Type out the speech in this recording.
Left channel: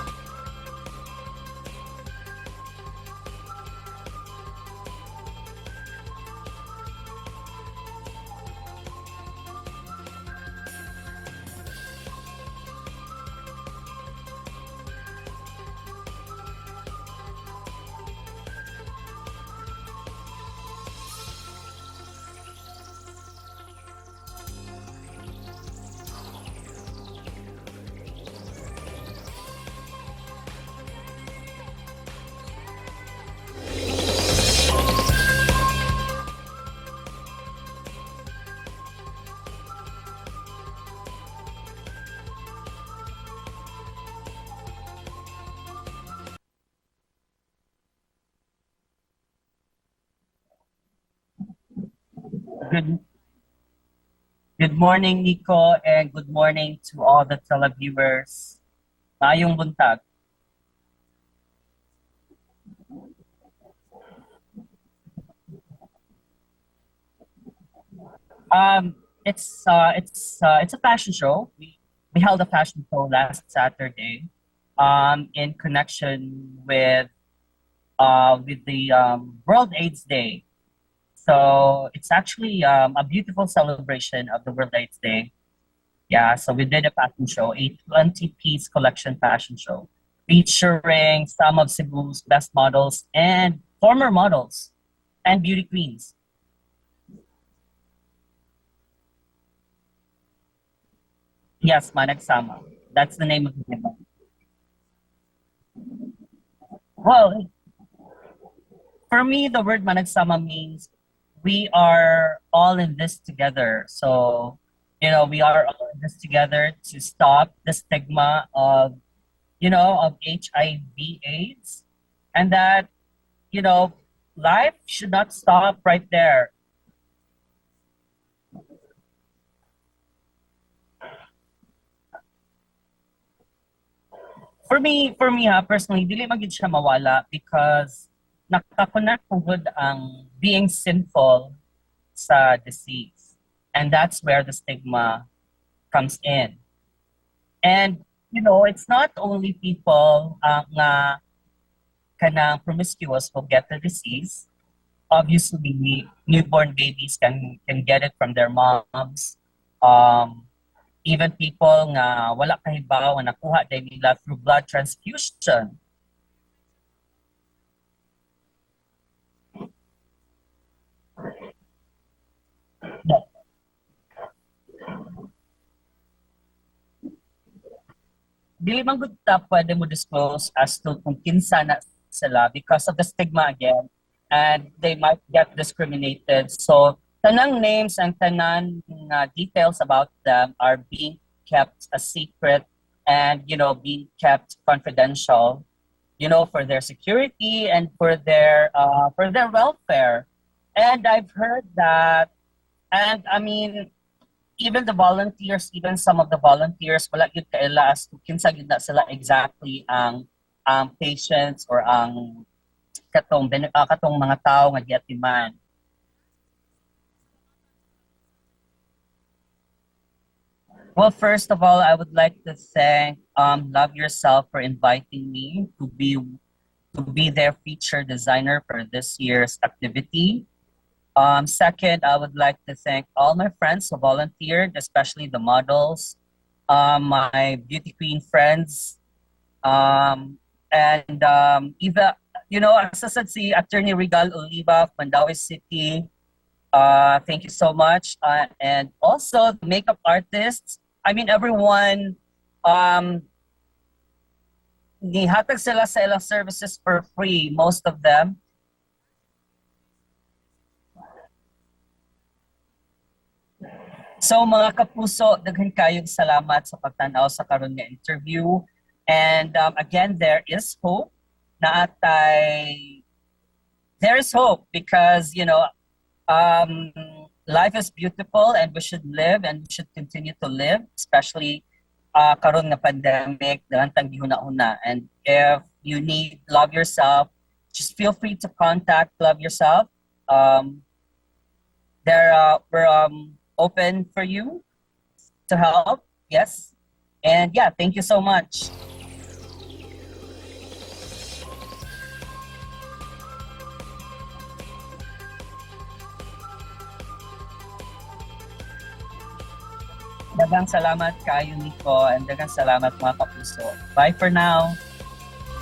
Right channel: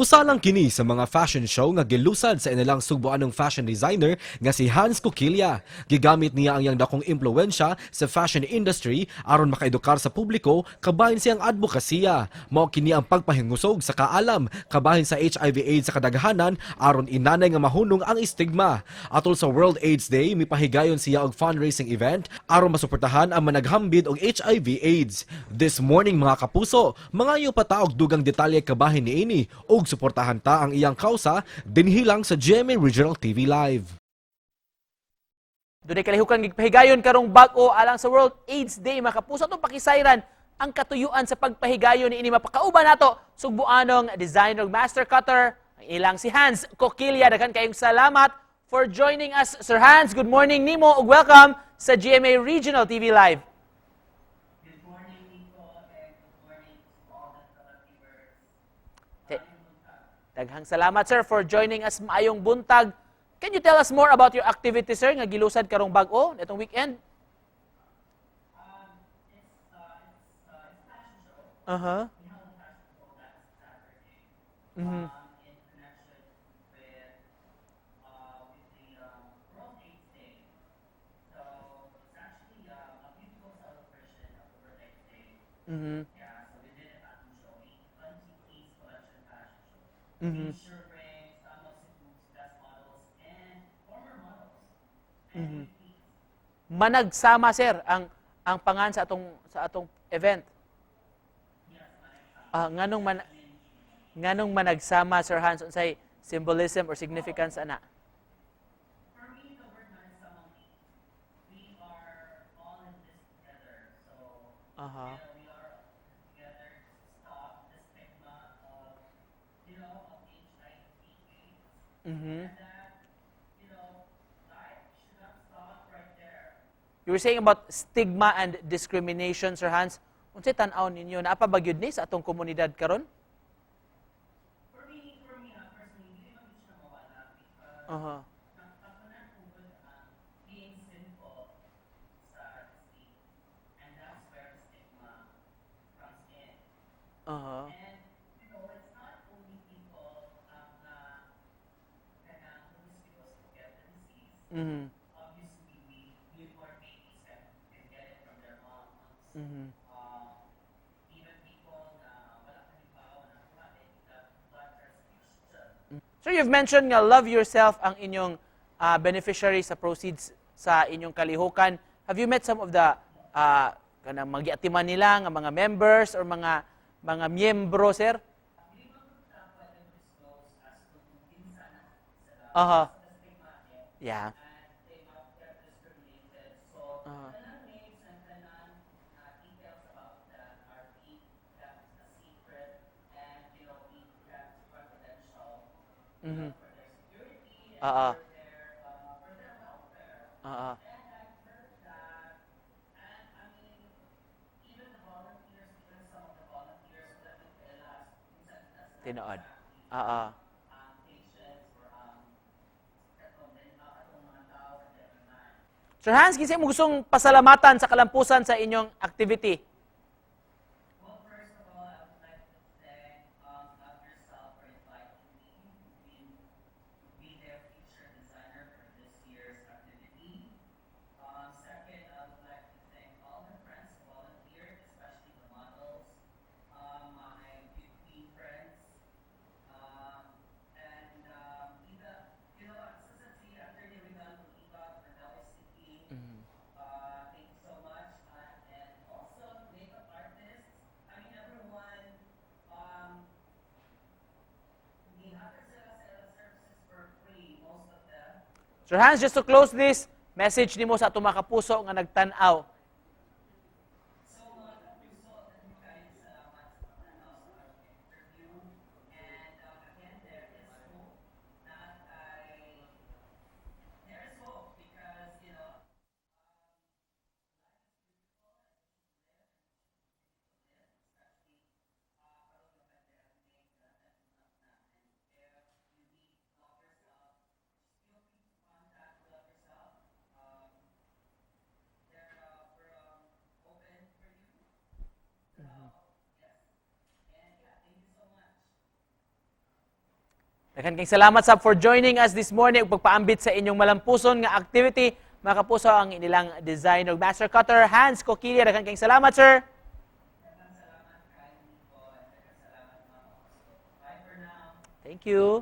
Usa lang kini sa mga fashion show nga gilusad sa inilang Sugbuanong fashion designer nga si Hanz Coquilla. Gigamit niya ang iyang dakong impluwensya sa fashion industry aron makaedukar sa publiko kabahin siyang advokasya. Mao kini ang pagpahingusog sa kaalam kabahin sa HIV/AIDS sa kadaghanan aron inanay nga mahunong ang stigma. Atol sa World AIDS Day, mipahigayon siya og fundraising event aron masuportahan ang managhambid og HIV/AIDS. This morning mga kapuso, mangayo pataog dugang detalye kabahin niini ug suportahan ta ang iyang kausa dinhilang sa GMA Regional TV Live. Today kalihukan gigpahigayon karong bag-o alang sa World AIDS Day, mga kapuso. Itong pakisayran ang katuyuan sa pagpahigayon niini mapakauban nato Sugbuanong designer master cutter ilang si Hanz Coquilla. Daghan kayong salamat for joining us, Sir Hanz. Good morning nimo ug welcome sa GMA Regional TV Live. Good morning, Nico, and good morning to all the televiewers. Maayong buntag. Daghang salamat, sir, for joining us maayong buntag. Can you tell us more about your activity, sir, nga gilusad karong bag-o itong weekend? It's a fashion show. We held a fashion show last Saturday, in connection with the World AIDS Day. So it's actually a beautiful celebration of the World AIDS Day. Yeah, so we did a fashion show, a 20-piece collection fashion show, featuring some of Cebu's best models and former models and beauty queens. Managsama, sir, ang pangan sa atong event. Yes, managsama. That's the name of the event. Nganong managsama, Sir Hanz, unsay symbolism or significance ana? For me, the word managsama means we are all in this together. So, we are all in this together to stop the stigma of, of HIV/AIDS, and that, life should not stop right there. You were saying about stigma and discrimination, Sir Hanz. Unsay tan-aw ninyo na apabagyud ni sa atong komunidad karon? For me personally, dili magid siya mawala because nakakonect pugod ang being sinful sa disease. And that's where the stigma comes in. And, it's not only people nga kanang promiscuous who get the disease. Obviously, newborn babies can get it from their moms. Even people nga wala kahibaw nga nakuha nila through blood transfusion. So you've mentioned nga love yourself ang inyong beneficiaries sa proceeds sa inyong kalihukan. Have you met some of the kanang magiatiman nila nga mga members or mga miyembro, sir? Dili man gud ta pwede mo disclose as to kung kinsa na sila because of the stigma again. Yeah. And they might get discriminated. So tanang names and tanang details about them are being kept a secret and being kept confidential, for their security and for their welfare. And I've heard that, and I mean, even the volunteers, even some of the volunteers, wala gyud kaila as to kinsa gyud na sila exactly ang patients or ang katong mga tao nga giatiman. Sir Hanz, kinsa mo gustong pasalamatan sa kalampusan sa inyong activity? Well, first of all, I would like to thank Love Yourself for inviting me to be their feature designer for this year's activity. Second, I would like to thank all my friends who volunteered, especially the models, my beauty queen friends, and Eva, as I said, si Attorney Regal Oliva, Mandaue City. Thank you so much. And also the makeup artists. I mean, everyone, nihatag sila sa ilang services for free, most of them. Sir Hanz, just to close this, message nimo sa atong mga kapuso nga nagtan-aw. So mga kapuso, daghan kayong salamat sa pagtan-aw sa karon nga interview. And again, there is hope. There is hope because, life is beautiful and we should live and we should continue to live, especially karon nga pandemic, dahantang gihuna-huna. And if you need Love Yourself, just feel free to contact Love Yourself. We're open for you to help. Yes. And yeah, thank you so much. Daghang kayong salamat sa for joining us this morning ug pagpaambit sa inyong malampuson nga activity. Mga kapuso, ang inilang designer master cutter, Hanz Coquilla. Daghang kayong salamat, sir. Daghang salamat kayo, Nico, and daghang salamat mga kapuso. Bye for now. Thank you.